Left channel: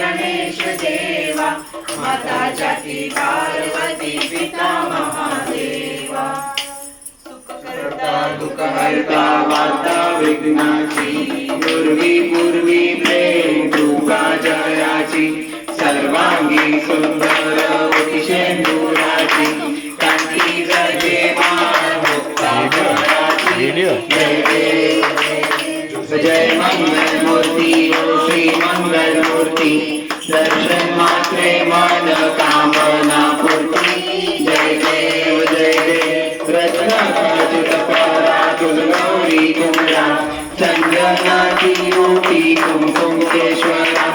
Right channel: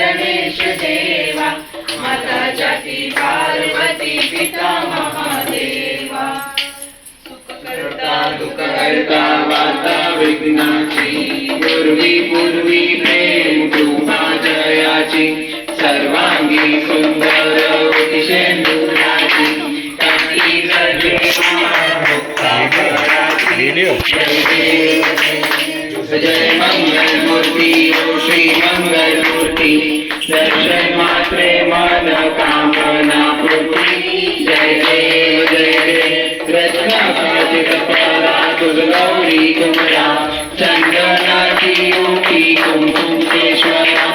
गणेश देवा, माता जाती पार्वती पिता महादेवा। सुखकर्ता दुःखहर्ता वार्ता विघ्नाची, पूर्वी पूर्वी प्रेम कृपा जयाची, सर्वांगी सुंदर होती शेंदुराची, कांती जगे मुक्ता कराची। जय मंगल मूर्ति ओ श्री मंगल मूर्ति, दर्शन मात्रे मन कामना पूर्ति। जय देव जय देव रत्नाकांत कपाला गौरी कुमरा, चंदनाची ओटी कुमकुम केशरा,